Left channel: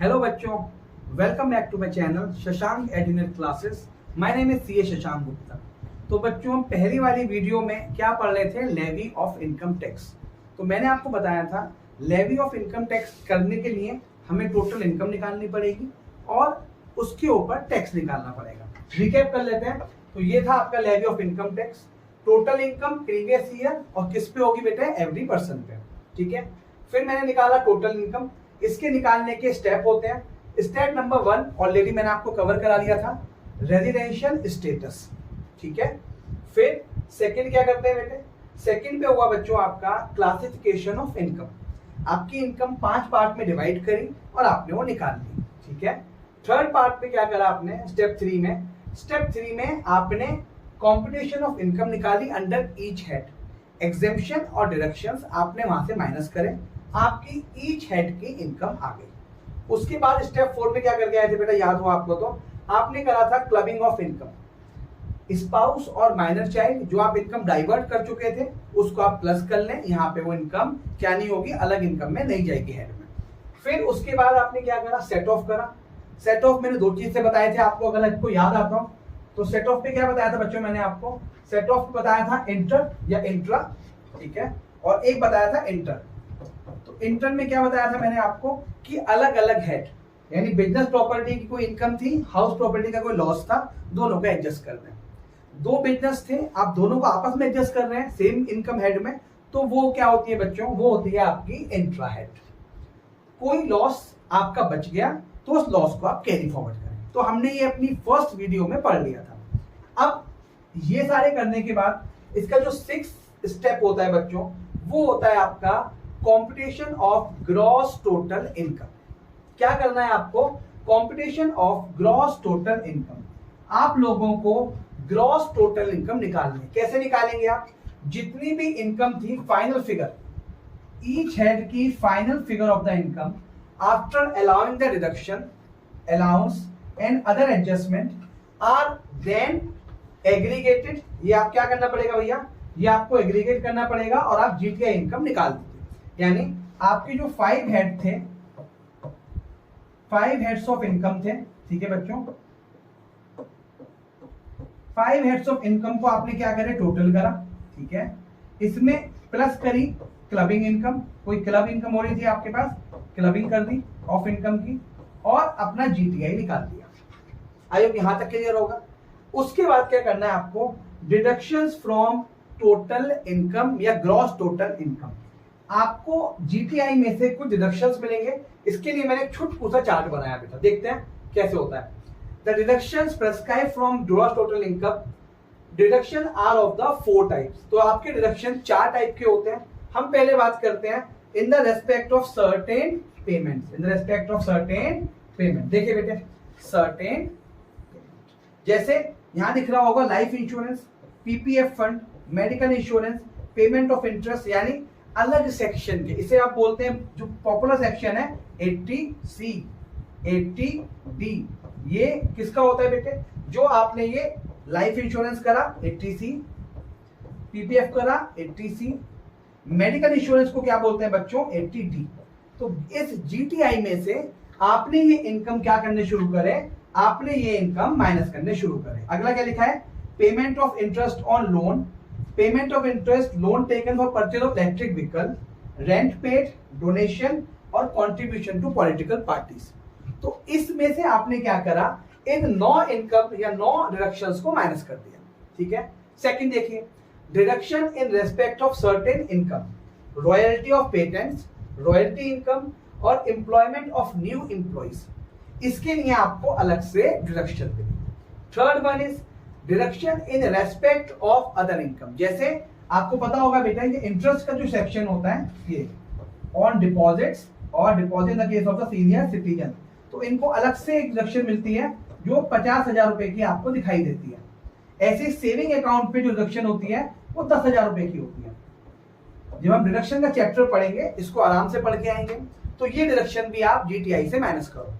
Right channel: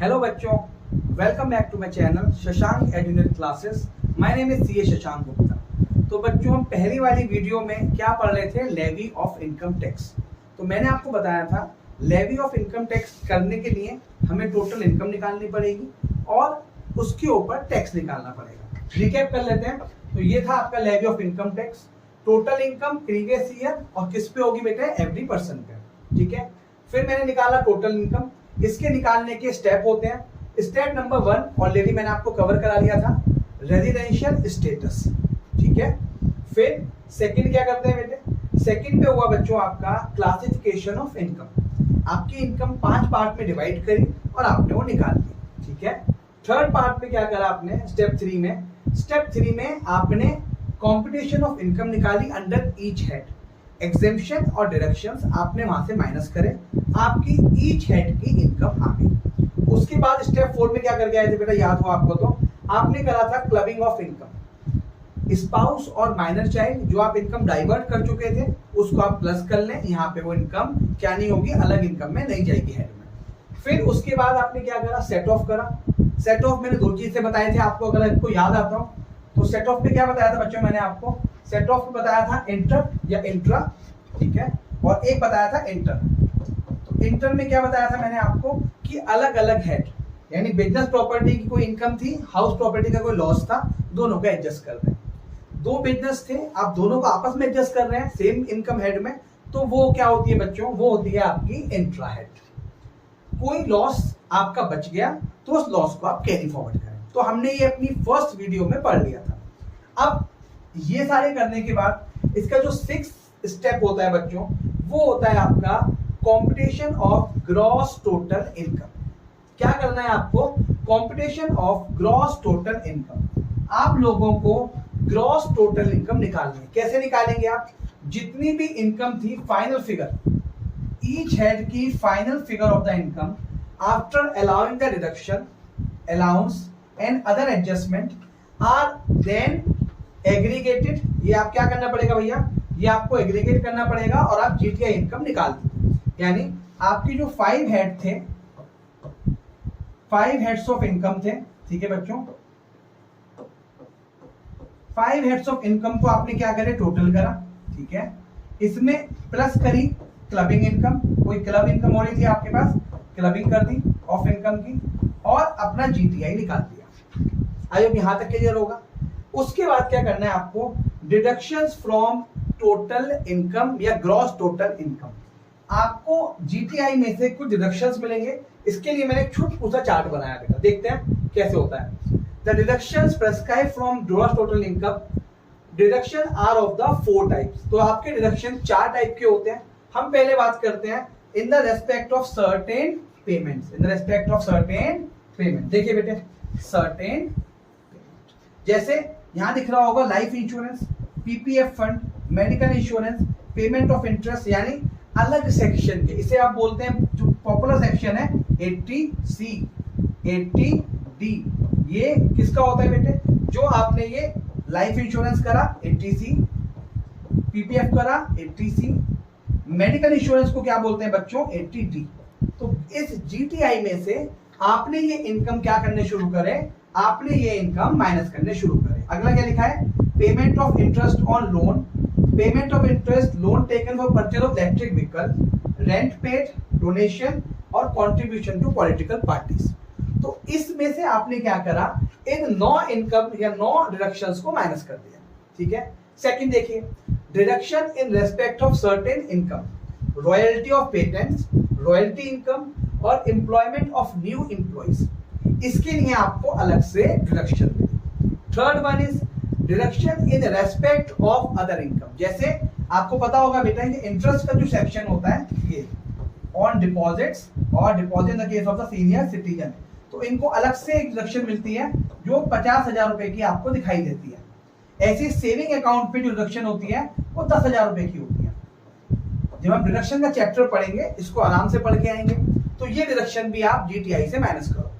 Hello बच्चों, welcome back to my channel Shashank educate classes. My name is CA Shashank Gupta. तो बच्चों, हम पहली वाली वीडियो में क्या पढ़ रहे थे? Levy of income tax. तो मैंने आपको बताया था लेवी ऑफ इनकम टैक्स करने के लिए हमें टोटल इनकम निकालनी पड़ेगी और उसके ऊपर टैक्स निकालना पड़ेगा। रिकैप कर लेते हैं। तो ये था आपका levy of income tax, total income previous year और किस पे होगी बेटा? एवरी पर्सन पे। ठीक है। फिर मैंने निकाला टोटल इनकम। इसके निकालने के स्टेप होते हैं। स्टेप नंबर 1 ऑलरेडी मैंने आपको कवर करा लिया था, रेजिडेंशियल स्टेटस। ठीक है। फिर सेकंड क्या करते हैं बेटे? सेकंड पे हुआ बच्चों आपका क्लासिफिकेशन ऑफ इनकम। आपकी इनकम 5 पार्ट में डिवाइड करी और आपने वो निकाल ली। ठीक है। थर्ड पार्ट पे क्या करा आपने? स्टेप 3 में आपने कॉम्पिटिशन ऑफ इनकम निकाली अंडर ईच हेड। एग्जेम्पशन और डिडक्शंस आपने वहां से माइनस करे, आपकी ईच हेड की इनकम आ गई। उसके बाद स्टेप 4 में क्या करके आए थे बेटा? याद हो आपको तो आपने करा था क्लबिंग ऑफ इनकम। स्पाउस और माइनर चाइल्ड जो आप इनकम डाइवर्ट कर चुके थे उसको आप प्लस कर लें। यहाँ पे वो इनकम क्या नहीं होगी? अलग इनकम में नहीं जाएगी हेड में। फिर उसके बाद आपने क्या करा? सेट ऑफ करा। सेट ऑफ मैंने 2 चीज से बताए थे आपको, अगर आपको याद आता हो तो सेट ऑफ पे क्या बताया था बच्चों? मैंने आपको सेट ऑफ पे बताया था इंटर या इंट्रा। ठीक है। और एक बताया था इंटर। तो इंटर में क्या बताया था मैंने आपको? कि अलग अलग हेड, यानी बिजनेस प्रॉपर्टी की कोई इनकम थी, हाउस प्रॉपर्टी का कोई लॉस था, दोनों को एडजस्ट कर रहे हैं। 2 बिजनेस थे, आप दोनों को आपस में एडजस्ट कर रहे हैं सेम इनकम हेड में, तो वो क्या होती है बच्चों? वो होती है आपकी इंट्रा हेड। कोई लॉस आपका बच गया तो उस लॉस को आप कैरी फॉरवर्ड करें। तो हमने ये अपनी फर्स्ट वीडियो में पढ़ लिया था। अब ये सारे करने के बाद इसका जो 6th स्टेप होता है बच्चों, वो होता है आपका computation of gross total income. क्या करना है आपको? Computation of gross total income. आप लोगों को ग्रॉस टोटल इनकम निकालनी है। कैसे निकालेंगे आप? जितनी भी इनकम थी, फाइनल फिगर, ईच हेड की final figure of the income after allowing the deduction, allowance and other adjustment are then aggregated. ये आप क्या करना पड़ेगा भैया? ये आपको एग्रीगेट करना पड़ेगा और आप जीटीआई इनकम निकाल दीजिए। यानी आपकी जो 5 हेड थे, 5 हेड्स ऑफ इनकम थे। ठीक है बच्चों, 5 हेड्स ऑफ इनकम को आपने क्या करे? टोटल करा। ठीक है। इसमें प्लस करी क्लबिंग इनकम। कोई क्लब इनकम हो रही थी आपके पास, क्लबिंग कर दी ऑफ इनकम की और अपना जीटीआई निकाल दिया। आई होप यहां तक क्लियर होगा। उसके बाद क्या करना है आपको? डिडक्शंस फ्रॉम टोटल इनकम या ग्रॉस टोटल इनकम। आपको जीटीआई में से कुछ डिडक्शंस मिलेंगे। इसके लिए मैंने एक छोटा चार्ट बनाया बेटा, देखते हैं कैसे होता है। The deductions prescribe from gross total income, deduction are of the 4 types. तो आपके डिडक्शन 4 टाइप के होते हैं। हम पहले बात करते हैं in the respect of certain payments. In the respect of certain payment. देखिए बेटे, सर्टेन, जैसे यहां दिख रहा होगा life insurance, PPF fund, medical insurance, payment of interest, यानी अलग सेक्शन के, इसे आप बोलते हैं, जो पॉपुलर सेक्शन है 80C, 80D। ये किसका होता है बेटे? जो आपने ये लाइफ इंश्योरेंस करा 80C, पीपीएफ करा 80C, मेडिकल इंश्योरेंस को क्या बोलते हैं बच्चों? 80D। तो इस जीटीआई में से आपने ये इनकम क्या करने शुरू करे? आपने ये इनकम माइनस करने शुरू करे। अगला क्या लिखा है? Payment of interest on loan, payment of interest loan taken for purchase of electric vehicle, rent paid, donation और कंट्रीब्यूशन टू पॉलिटिकल पार्टीज। तो इसमें से आपने क्या करा? इन 9 इनकम या 9 डिडक्शंस को माइनस कर दिया। ठीक है। सेकंड देखिए, deduction in respect of certain income, royalty of patents, royalty income और एम्प्लॉयमेंट ऑफ न्यू एम्प्लॉइज। इसके लिए आपको अलग से डिडक्शन मिलेगी। Third one is deduction in respect of other income. जैसे आपको पता होगा बेटा, ये इंटरेस्ट का जो सेक्शन होता है, ये ऑन डिपॉजिट्स और deposit in the case of the senior citizen, तो इनको अलग से एक डिडक्शन मिलती है जो 50,000 रुपए की आपको दिखाई देती है। ऐसे सेविंग अकाउंट पे जो डिडक्शन होती है वो 10,000 रुपए की होती है। जब हम डिडक्शन का चैप्टर पढ़ेंगे, इसको आराम से पढ़ के आएंगे, तो ये डिडक्शन भी आप जीटीआई से माइनस करो।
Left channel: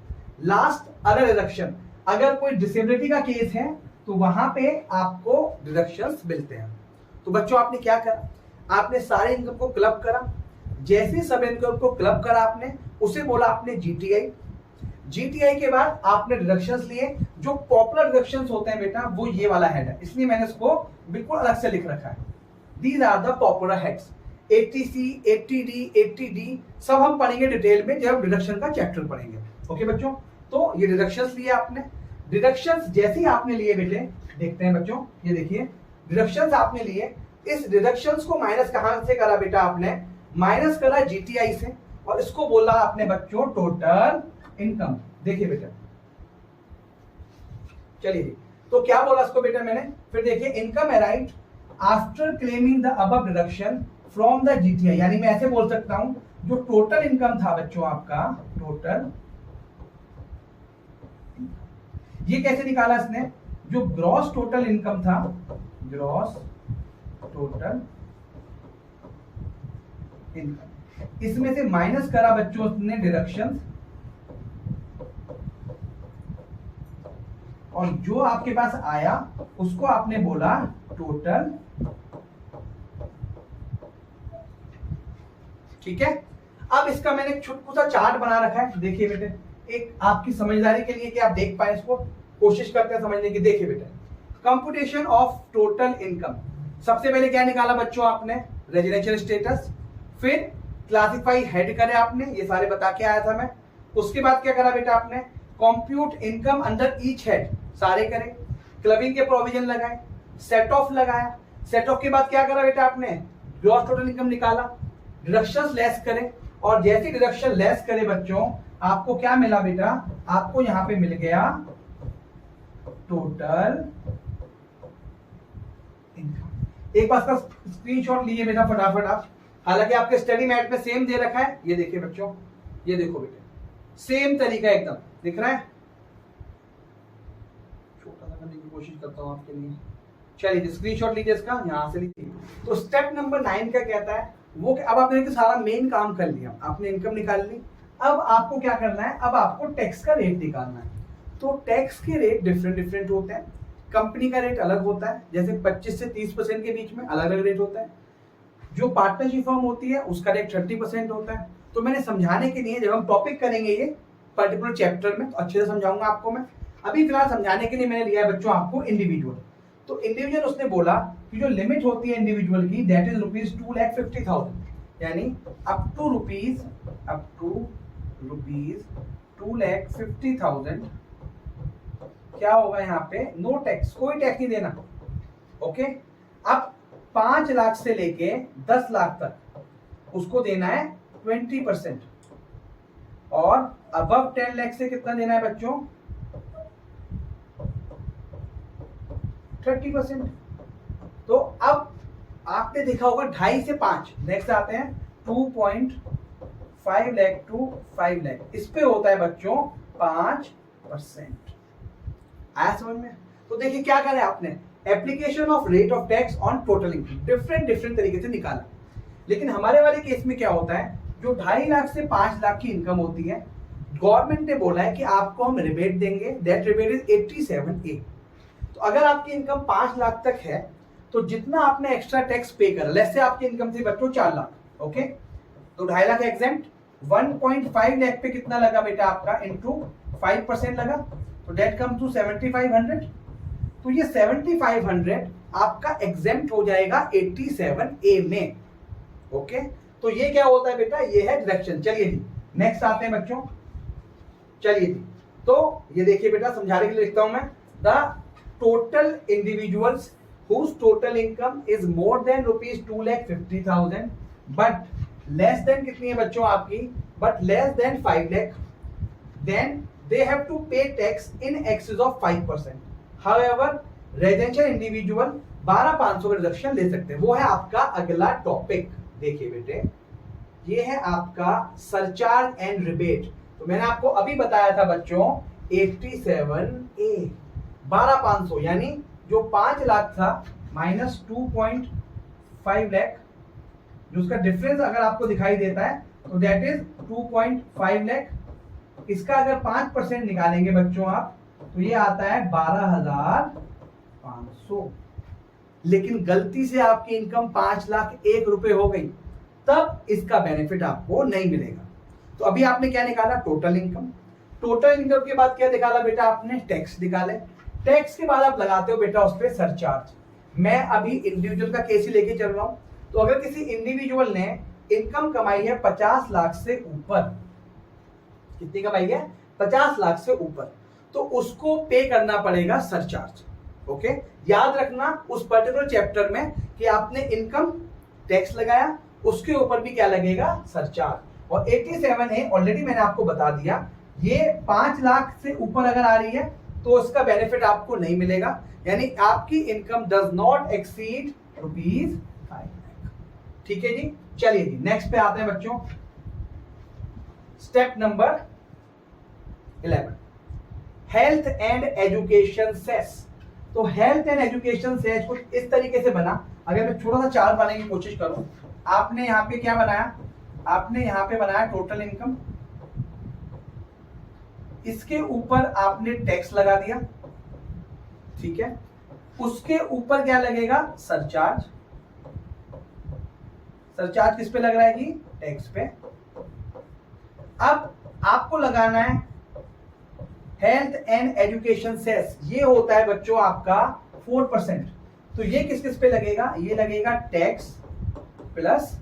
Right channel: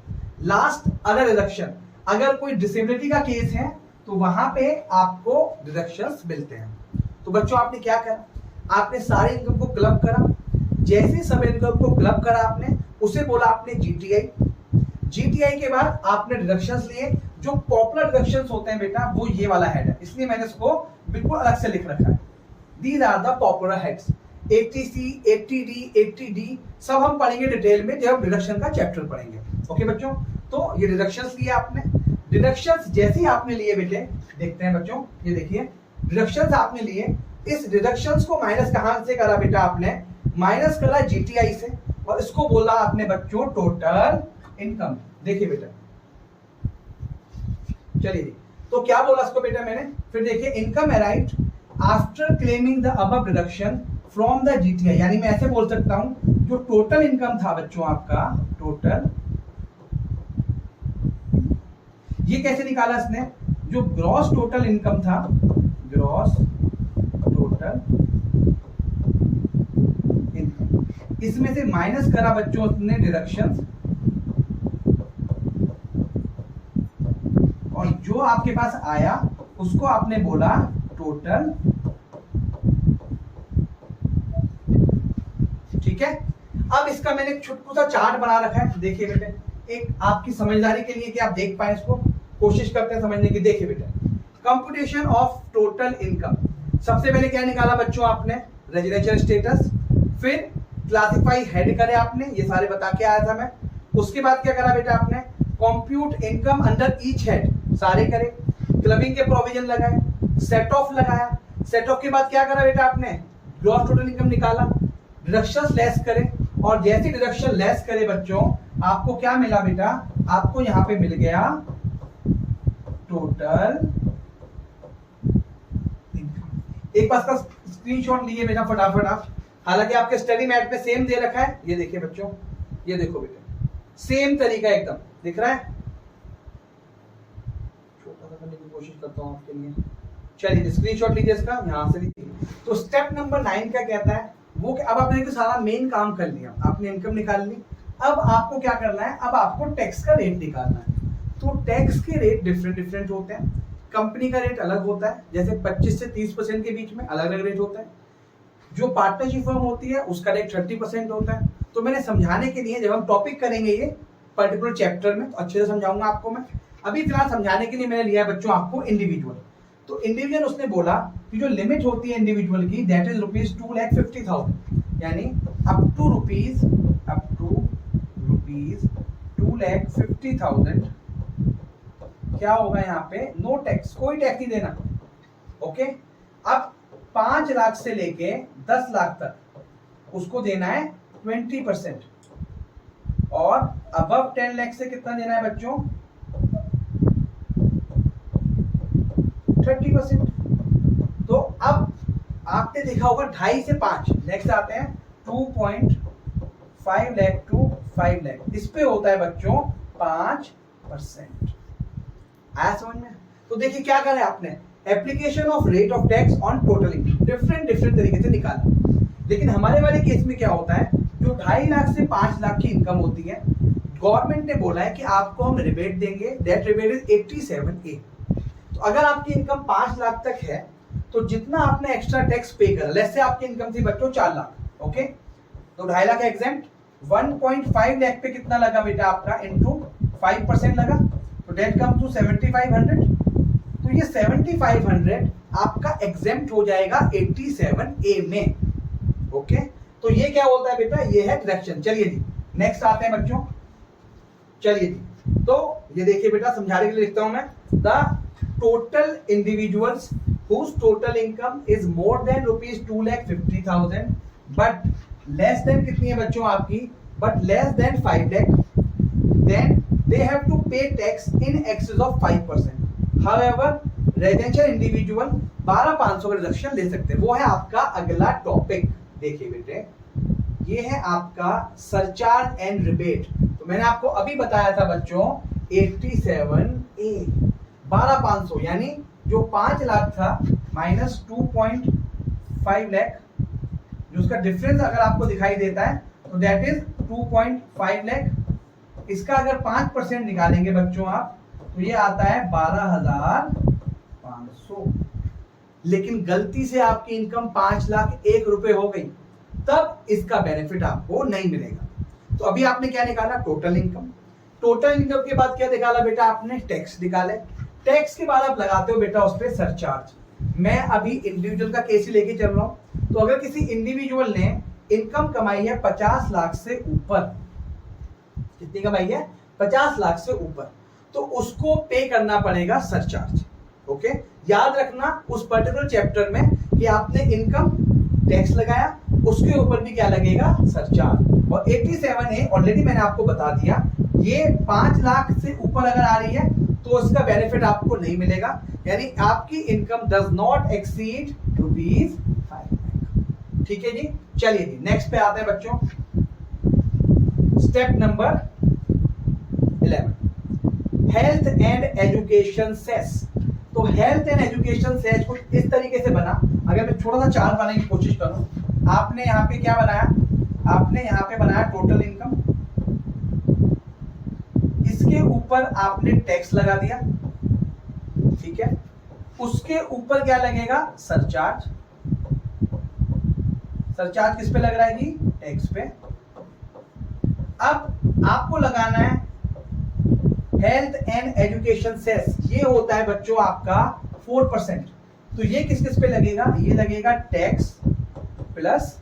लास्ट अदर डिडक्शन, अगर कोई डिसेबिलिटी का केस है तो वहां पे आपको डिडक्शंस मिलते हैं। तो बच्चों आपने क्या करा? आपने सारे इनकम को क्लब करा। जैसे सब इनकम को क्लब करा आपने, उसे बोला आपने जीटीआई। जीटीआई के बाद आपने डिडक्शंस लिए। जो पॉपुलर डिडक्शंस होते हैं बेटा वो ये वाला हेड है, इसलिए मैंने इसको बिल्कुल अलग से लिख रखा है। These are the popular heads. 80C, 80D, 80D सब हम पढ़ेंगे डिटेल में जब डिडक्शन का चैप्टर पढ़ेंगे। ओके बच्चों, तो ये डिडक्शंस लिए आपने। डिडक्शंस जैसे ही आपने लिए बेटे, देखते हैं बच्चों, ये देखिए डिडक्शंस आपने लिए। इस डिडक्शंस को माइनस कहां से करा बेटा आपने? माइनस करा जीटीआई से, और इसको बोला आपने बच्चों टोटल इनकम। देखिए बेटा, चलिए जी, तो क्या बोला इसको बेटा मैंने? फिर देखिए income arrived after claiming the above deduction from the GTI, यानी मैं ऐसे बोल सकता हूं जो टोटल इनकम था बच्चों आपका, टोटल, ये कैसे निकाला इसने? जो ग्रॉस टोटल इनकम था, ग्रॉस टोटल इनकम, इसमें से माइनस करा बच्चों उसने डिडक्शंस, और जो आपके पास आया उसको आपने बोला टोटल। ठीक है, अब इसका मैंने एक छोटा सा चार्ट बना रखा है। देखिए बेटे, एक आपकी समझदारी के लिए कि आप देख पाए इसको, कोशिश करते हैं समझने की। देखिए बेटा, कंप्यूटेशन ऑफ टोटल इनकम, सबसे पहले क्या निकाला बच्चों आपने? Residential status. फिर क्लासिफाई हेड करे आपने, ये सारे बता के आया था मैं। उसके बाद क्या करा बेटा आपने? Compute income under each head, सारे करे। क्लबिंग के प्रोविजन लगाए, सेट ऑफ लगाया। सेट ऑफ के बाद क्या करा बेटा आपने? ग्रॉस टोटल इनकम निकाला, डिडक्शंस लेस करे, और जैसे डिडक्शन लेस करे बच्चों आपको क्या मिला बेटा? आपको यहां पे मिल गया टोटल इनकम। एक बार का स्क्रीनशॉट लीजिए बेटा फटाफट आप, हालांकि आपके स्टडी मैट में सेम दे रखा है। ये देखिए बच्चों, ये देखो बेटा, सेम तरीका एकदम दिख रहा है। छोटा सा करने की कोशिश करता हूं आपके लिए। चलिए स्क्रीनशॉट लीजिए इसका, यहां से लीजिए। तो स्टेप नंबर 9 का कहता है वो, अब आपने तो सारा मेन काम कर लिया, आपने इनकम निकाल ली। अब आपको क्या करना है? अब आपको टैक्स का रेट निकालना है। तो टैक्स के रेट डिफरेंट होते हैं। कंपनी का रेट अलग होता है, जैसे 25 से 30% के बीच में अलग अलग रेट होता है। जो पार्टनरशिप फर्म होती है उसका रेट 30% होता है। तो मैंने समझाने के लिए, जब हम टॉपिक करेंगे ये पर्टिकुलर चैप्टर में, तो अच्छे से समझाऊंगा आपको मैं। अभी फिलहाल समझाने के लिए मैंने लिया है बच्चों आपको इंडिविजुअल। तो इंडिविजुअल उसने बोला कि जो लिमिट होती है इंडिविजुअल की, दैट इज ₹2,50,000, यानी अप टू रुपीज 2,50,000 क्या होगा यहाँ पे? नो टैक्स, कोई टैक्स नहीं देना। ओके, अब 5 लाख से लेके 10 लाख तक उसको देना है 20%, और अबव 10 लाख से कितना देना है बच्चों? 30%। तो अब आपने देखा होगा 2.5 से 5, नेक्स्ट आते हैं 2.5 लाख टू 5 लाख, इस पे होता है बच्चों 5%। आया समझ में? तो देखिए क्या करें आपने, application of rate of tax on total income different तरीके से निकाला। लेकिन हमारे वाले केस में क्या होता है, जो 2.5 लाख से 5 लाख की इनकम होती है, गवर्नमेंट ने बोला है कि आपको हम रिबेट देंगे, दैट रिबेट इज 87A। तो अगर आपकी इनकम 5 लाख तक है तो जितना आपने एक्स्ट्रा टैक्स पे करा, लेट्स से आपकी इनकम थी बच्चों 4 लाख, ओके, तो 2.5 लाख एग्जेम्प्ट, 1.5 लाख पे कितना लगा बेटा आपका? इनटू 5% लगा, तो दैट कम टू 7500। तो ये 7500 आपका एग्जेम्प्ट हो जाएगा 87A में। ओके, तो ये क्या होता है बेटा? ये है डिडक्शन। चलिए जी नेक्स्ट आते हैं बच्चों। चलिए जी, तो ये देखिए बेटा, समझाने के लिए लिखता हूं मैं, the total individuals whose total income is more than ₹2,50,000 but less than कितनी है बच्चों आपकी? but less than 5 lakh, then they have to pay tax in excess of 5%. However, residential individual 12,500 का रिडक्शन ले सकते हैं। वो है आपका अगला टॉपिक। देखिए बेटे, ये है आपका सरचार्ज एंड रिबेट। तो मैंने आपको अभी बताया था बच्चों 87A, 12,500, यानी जो 5 लाख था माइनस 2.5 लाख, जो उसका डिफरेंस अगर आपको दिखाई देता है तो दैट इज 2.5 लाख। इसका अगर 5% निकालेंगे बच्चों आप, तो ये आता है 12,500। लेकिन गलती से आपकी इनकम 5,01,000 हो गई, तब इसका बेनिफिट आपको नहीं मिलेगा। तो अभी आपने क्या निकाला? Total income. टोटल इनकम के बाद क्या निकाला बेटा आपने, टैक्स निकाले। टैक्स के बाद आप लगाते हो बेटा उस पर सरचार्ज। मैं अभी इंडिविजुअल का केस ही लेके चल रहा हूं। तो अगर किसी इंडिविजुअल ने इनकम कमाई है 50 लाख से ऊपर, कितनी कमाई है, 50 लाख से ऊपर, तो उसको पे करना पड़ेगा सरचार्ज। ओके, याद रखना उस पर्टिकुलर चैप्टर में कि आपने इनकम टैक्स लगाया, उसके ऊपर भी क्या लगेगा, सरचार्ज। और 87A ऑलरेडी मैंने आपको बता दिया, ये 5 लाख से ऊपर अगर आ रही है तो उसका बेनिफिट आपको नहीं मिलेगा, यानी आपकी income does not exceed ₹5 lakh. ठीक है जी, चलिए जी नेक्स्ट पे आते हैं बच्चों। Step number 11, health and education cess. तो हेल्थ एंड एजुकेशन सेस कुछ इस तरीके से बना। अगर मैं थोड़ा सा चार्ट बनाने की कोशिश करूं, आपने यहाँ पे क्या बनाया, आपने यहाँ पे बनाया टोटल इनकम, इसके ऊपर आपने टैक्स लगा दिया, ठीक है, उसके ऊपर क्या लगेगा, सरचार्ज। सरचार्ज किस पे लग रहा है जी, टैक्स पे। अब आपको लगाना है हेल्थ एंड एजुकेशन सेस, ये होता है बच्चों आपका 4%। तो ये किस किस पे लगेगा, ये लगेगा टैक्स प्लस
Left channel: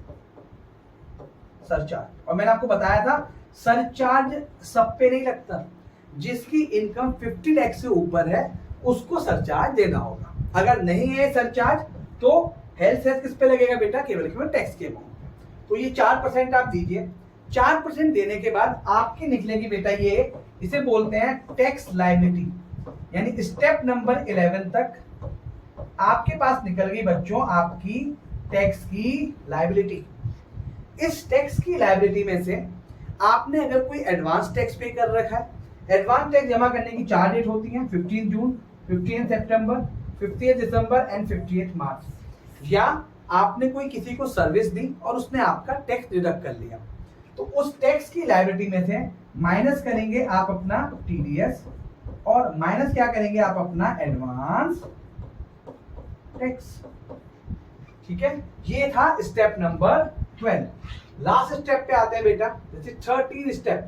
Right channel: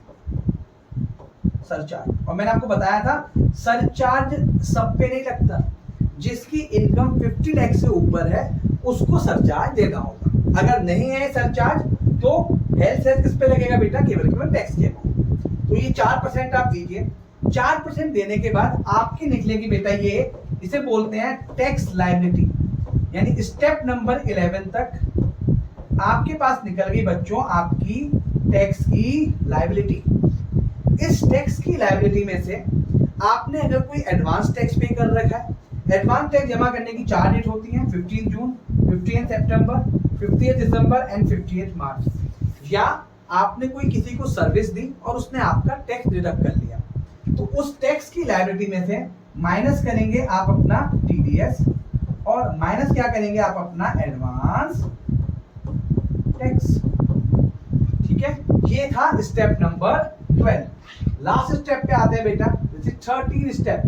सरचार्ज। और मैंने आपको बताया था सरचार्ज सब पे नहीं लगता, जिसकी इनकम 50 लाख से ऊपर है उसको सरचार्ज देना होगा। अगर नहीं है सरचार्ज तो हेल्थ सेस किस पे लगेगा बेटा, केवल केवल टैक्स के अमाउंट। तो ये 4% आप दीजिए। 4% देने के बाद आपकी निकलेगी बेटा ये, इसे बोलते हैं टैक्स लायबिलिटी। यानी स्टेप नंबर 11 तक आपके पास निकल गई बच्चों आपकी टैक्स की लायबिलिटी। इस टैक्स की लायबिलिटी में से आपने अगर कोई एडवांस टैक्स पे कर रखा है, एडवांस टैक्स जमा करने की 4 डेट होती हैं, 15 जून, 15 सितंबर, 50 दिसंबर एंड 50 मार्च। या आपने कोई किसी को सर्विस दी और उसने आपका टैक्स डिडक्ट कर लिया, तो उस टैक्स की लायबिलिटी में से माइनस करेंगे आप अपना टीडीएस और माइनस क्या करेंगे आप अपना एडवांस टैक्स। ठीक है, ये था स्टेप नंबर 12। लास्ट स्टेप पे आते हैं बेटा, 13 स्टेप।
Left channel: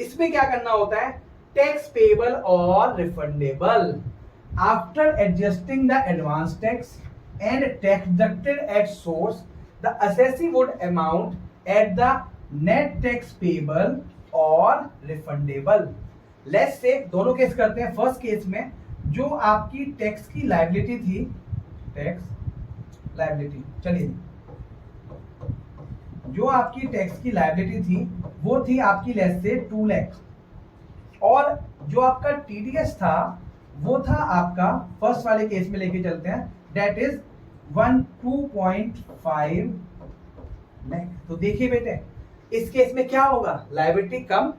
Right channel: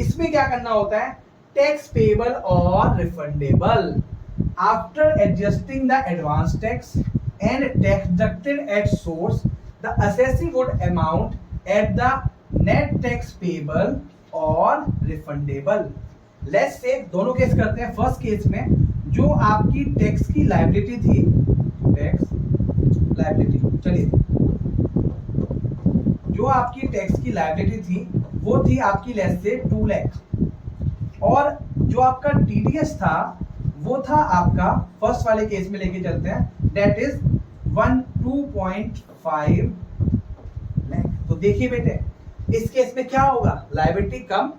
इसमें क्या करना होता है, टैक्स पेबल और refundable. After adjusting the advance tax and tax deducted at source, the assessee would amount at the net tax payable और रिफंडेबल। लेट्स से दोनों केस करते हैं। फर्स्ट केस में जो आपकी टैक्स की लायबिलिटी थी, टैक्स लायबिलिटी, चलिए जो आपकी टैक्स की लायबिलिटी थी वो थी आपकी लेस से 2 लाख, और जो आपका टीडीएस था वो था आपका, फर्स्ट वाले केस में लेके चलते हैं, दैट इज 2.5 लाख। तो देखिए बेटे इस केस में क्या होगा, लायबिलिटी कम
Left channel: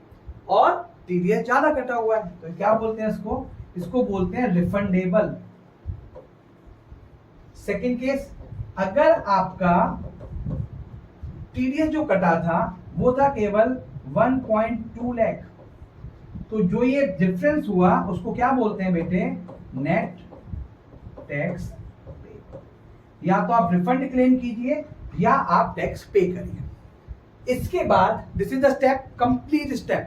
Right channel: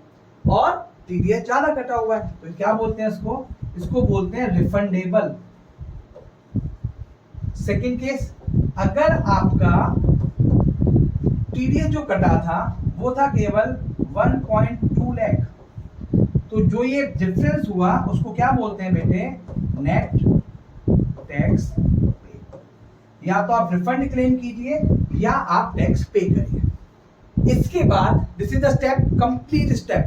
और टीडीएस ज्यादा कटा हुआ है, तो क्या बोलते हैं इसको, इसको बोलते हैं रिफंडेबल। सेकंड केस, अगर आपका टीडीएस जो कटा था वो था केवल 1.2 लाख, तो जो ये डिफरेंस हुआ उसको क्या बोलते हैं बेटे, नेट टैक्स पे। या तो आप रिफंड क्लेम कीजिए या आप टैक्स पे करिए। इसके बाद this is the step, complete step.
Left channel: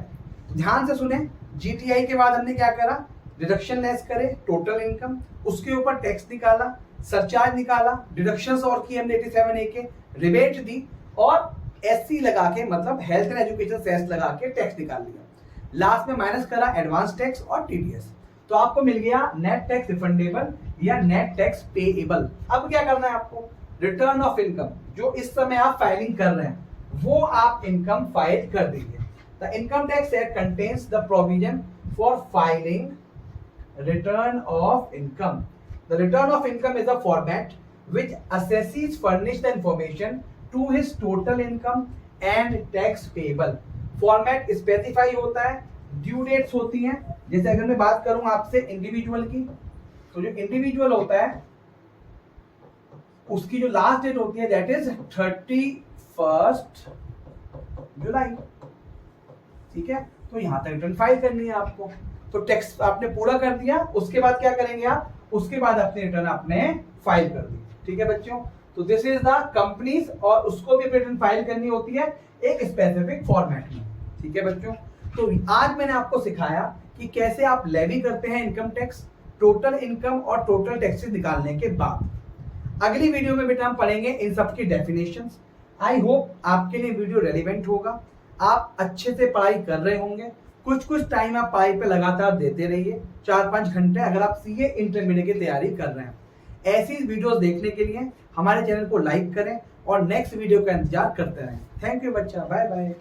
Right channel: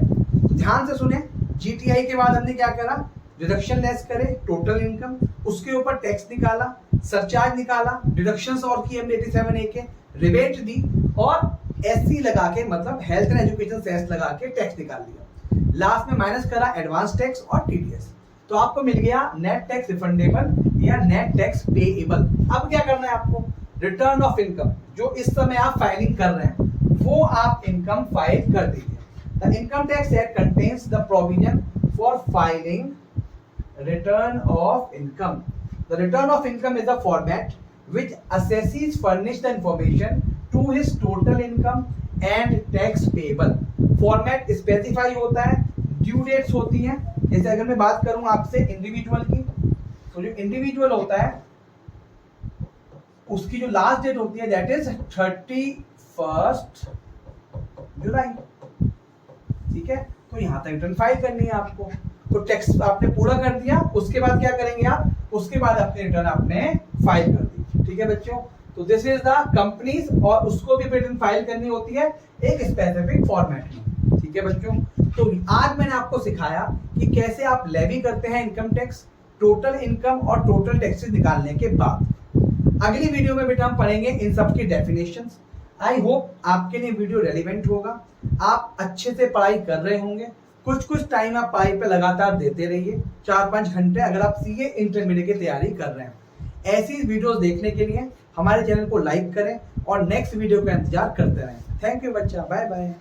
ध्यान से सुने, जीटीआई के बाद हमने क्या करा, डिडक्शन लेस करे टोटल इनकम, उसके ऊपर टैक्स निकाला, सरचार्ज निकाला, डिडक्शंस और की हमने 87A के, रिबेट दी और एससी लगा के, मतलब हेल्थ एंड एजुकेशन सेस लगा के टैक्स निकाल लिया। लास्ट में माइनस करा एडवांस टैक्स और टीडीएस, तो आपको मिल गया नेट टैक्स रिफंडेबल या नेट टैक्स पेएबल। अब क्या करना है आपको, रिटर्न ऑफ इनकम, जो इस समय आप फाइलिंग कर रहे हैं वो आप इनकम फाइल कर दीजिए। The income tax act contains the provision for filing return of income. The return of income is a format which assessees furnish the information to his total income and tax payable. Format specify होता है, due dates होती हैं। जैसे अगर मैं बात करूं आपसे इंडिविजुअल की, तो जो इंडिविजुअल होता है उसकी जो लास्ट डेट होती है दैट इज 31 जुलाई। ठीक है, तो यहां तक रिटर्न फाइल करनी है आपको। तो टैक्स आपने पूरा कर दिया, उसके बाद क्या करेंगे आप, उसके बाद अपने रिटर्न आपने फाइल कर दी। ठीक है बच्चों, तो दिस इज द कंपनीज, और उसको भी रिटर्न फाइल करनी होती है एक स्पेसिफिक फॉर्मेट में। ठीक है बच्चों, तो आज मैंने आपको सिखाया कि कैसे आप लेवी करते हैं इनकम टैक्स, टोटल इनकम और टोटल टैक्सेस निकालने के बाद। अगली वीडियो में बेटा हम पढ़ेंगे इन सब की डेफिनेशंस। आई होप आपके लिए वीडियो रेलिवेंट होगा, आप अच्छे से पढ़ाई कर रहे होंगे। कुछ टाइम आप पढ़ाई पे लगातार देते रहिए, 4-5 घंटे, अगर आप सीए इंटरमीडिएट की तैयारी कर रहे हैं। ऐसी वीडियोस देखने के लिए हमारे चैनल को लाइक करें और नेक्स्ट वीडियो का इंतजार करते रहें। थैंक यू बच्चा, बाय बाय।